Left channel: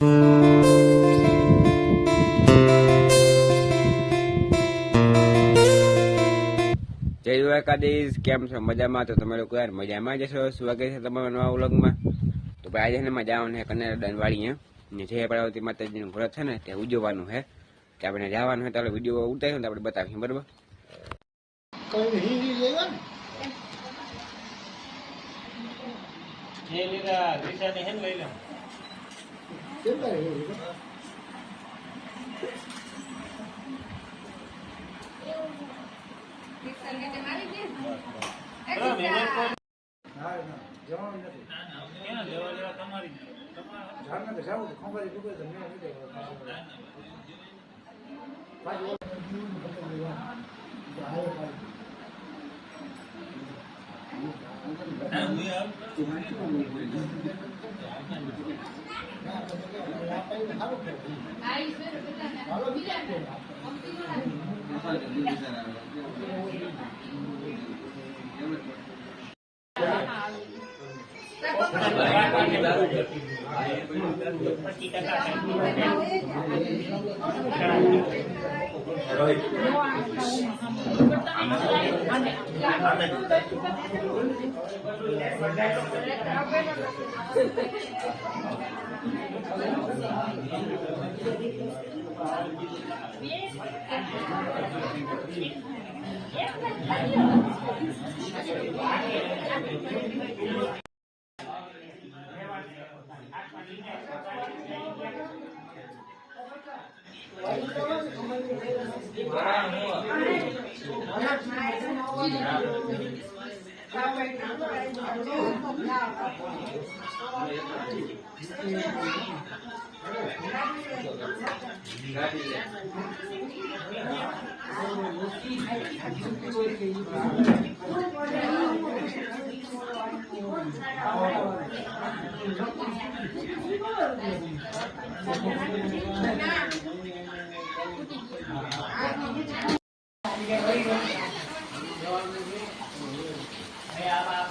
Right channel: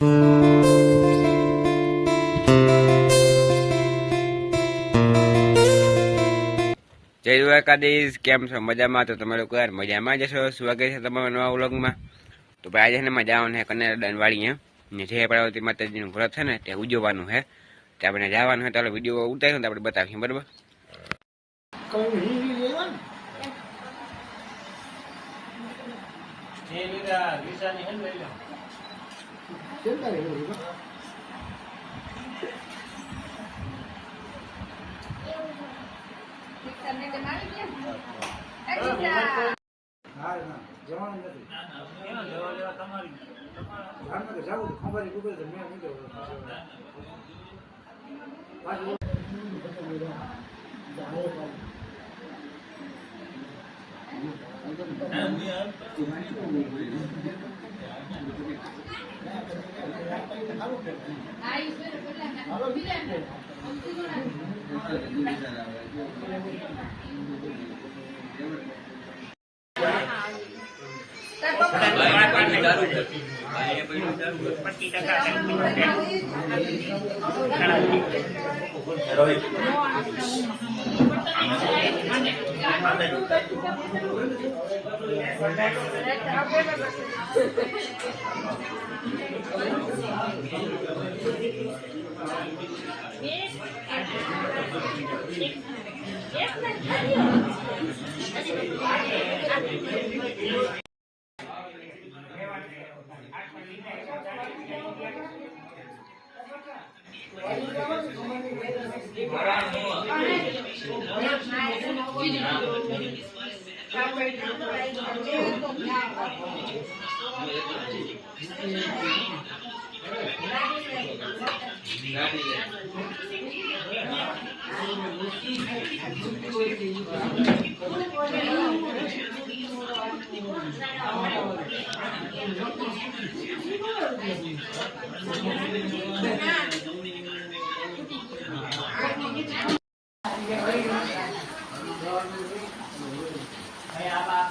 જય દ્વારકાધીશ, કેમ છો? મજામાં? તો તમે લોકો યાર મજામાં જશો. સ્વાગત છે તમારા નવા વ્લોગમાં. તો ભાઈ આજે ને જવાનું છે કનેડા વાળી ને જે પાર્વતી માતાજીનું વ્રત છે ને તે ઉજવવાનું છે. તે આપણે જવાનું છે તો વિડીયો ઉતાર્યો ને આપણે બતાવીશું, બરાબર?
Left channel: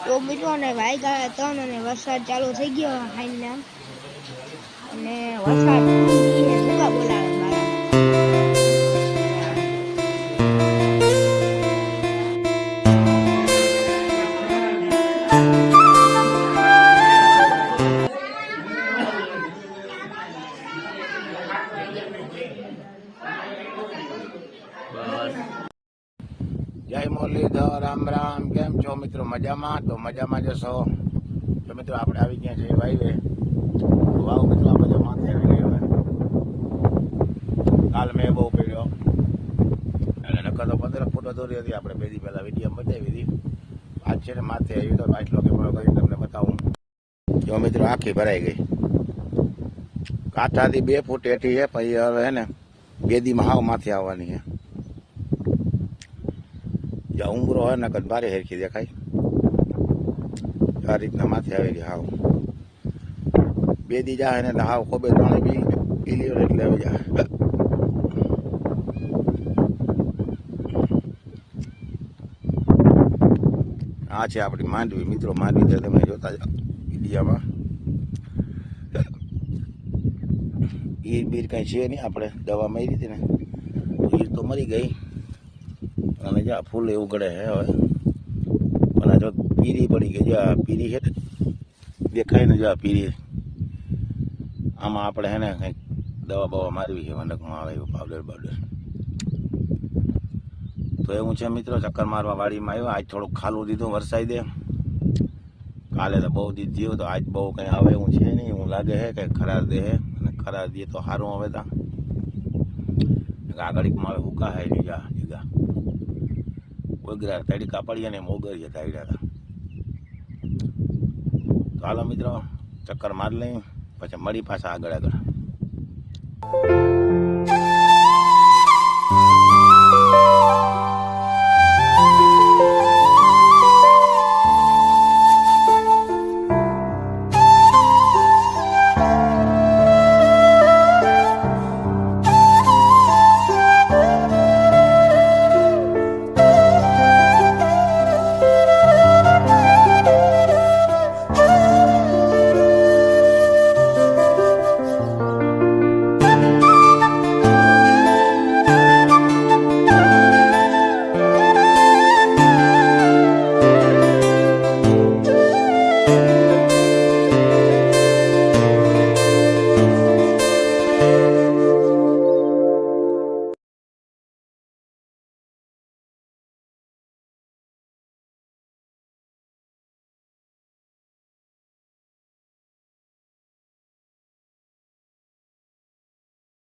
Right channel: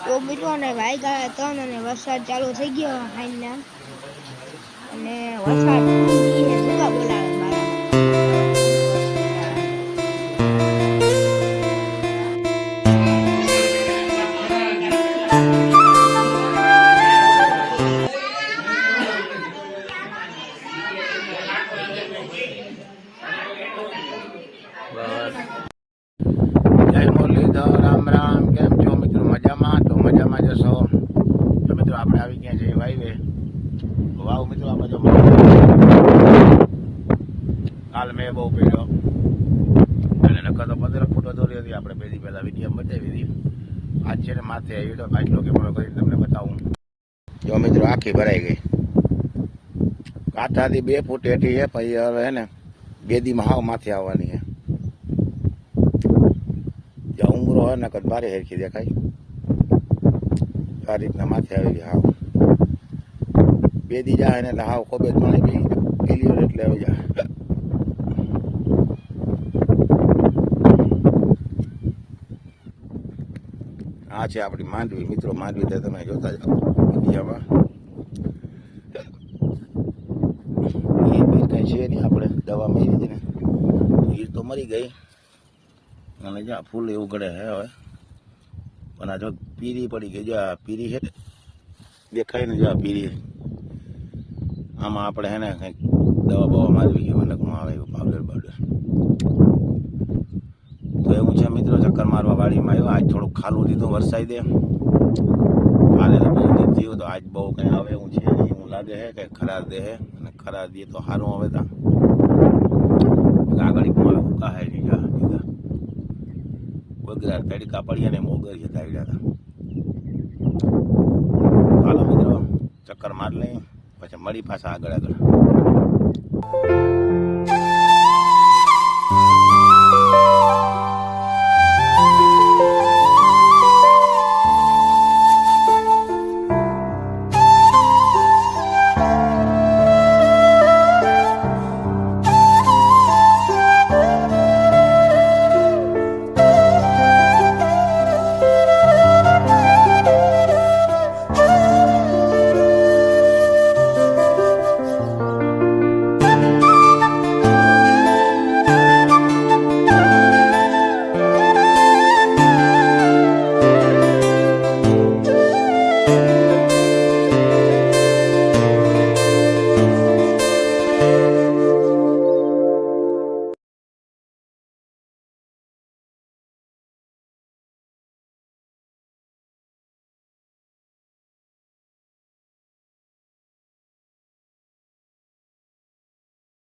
તો મિત્રો ને વાગ્યા 3 અને વરસાદ ચાલુ થઈ ગયો હાઈના અને વરસાદ ભૂકા બોલાવે મારા. જય મુરલીધર, રામ રામ. કેમ છો મિત્રો? મજામાં? તો મજામાં જશો. તો મિત્રો આપણે આવી ગયા છીએ વાઈવે. તો વાવ મિત્રો આ બધો કાલ મેં બહુ પડ્યો અને નકર તો 15 ફૂટો દોરી હતી. આપણે 2 દી પહેલા વિડીયો બતાવી હતી. આજ છે ને માથે આવી તો આટલો કેમેરો કરીને તમને બતાવું. જો મિત્રો આખી ભરાઈ ગઈ. કાંઠાથી 2 ફૂટ હેઠી છે. પછી હવે હે ને 2 દીમાં હાવ માથે આવવાની છે. ઉમરો હોય ને કદ બારે હેરખી દેખાય આ રીતના માથે આવી ગયા. હાવ 2 દી જાય ને એટલે હાવ ખોબે ત્રણે બી ક્લિયર એટલે આવી જાય. આ છે આપણી માંડવી મિત્રો. માંડવી તો તમે જોતા જાઓ વિડીયામાં. એ બીજ કઈ છે નહીં. આપણે દવા મારી હતી ને એ તો મરી ગઈ અને જ્યાં ફૂલ એવું ગળે હે હવે. પણ આ જો પીરી પડી ગઈ. જ્યાં પીરી છે દેખાય ને જ્યાં પીરી, આમાં આપણે હે ને કંઈક દવા બવા મારવી છે. મલકમાં આવે એવું પાવડર બાવડર. તો એવું છે મિત્રો, ચક્કર મારવા વાડીમાં આવ્યો. આજ થોડુંક ખાલું દીધું વરસાઈ દે. કાલે તો બહુ દીધ થયું તો આજ બહુ કંઈ આવે એવું છે નહીં. એવું લાગે છે કે ખરાબ દે હે અને ખરાબ દે તો સારું આવે. તા આગળમાં આવે હુકા હે લીધા લીધા વગરા તડકા પડ્યા ને મોગરીએ તાડ્યા હતા. હાલો મિત્રો ચક્કર માર લઈ પછી મળી પાછા આગળ આગળ.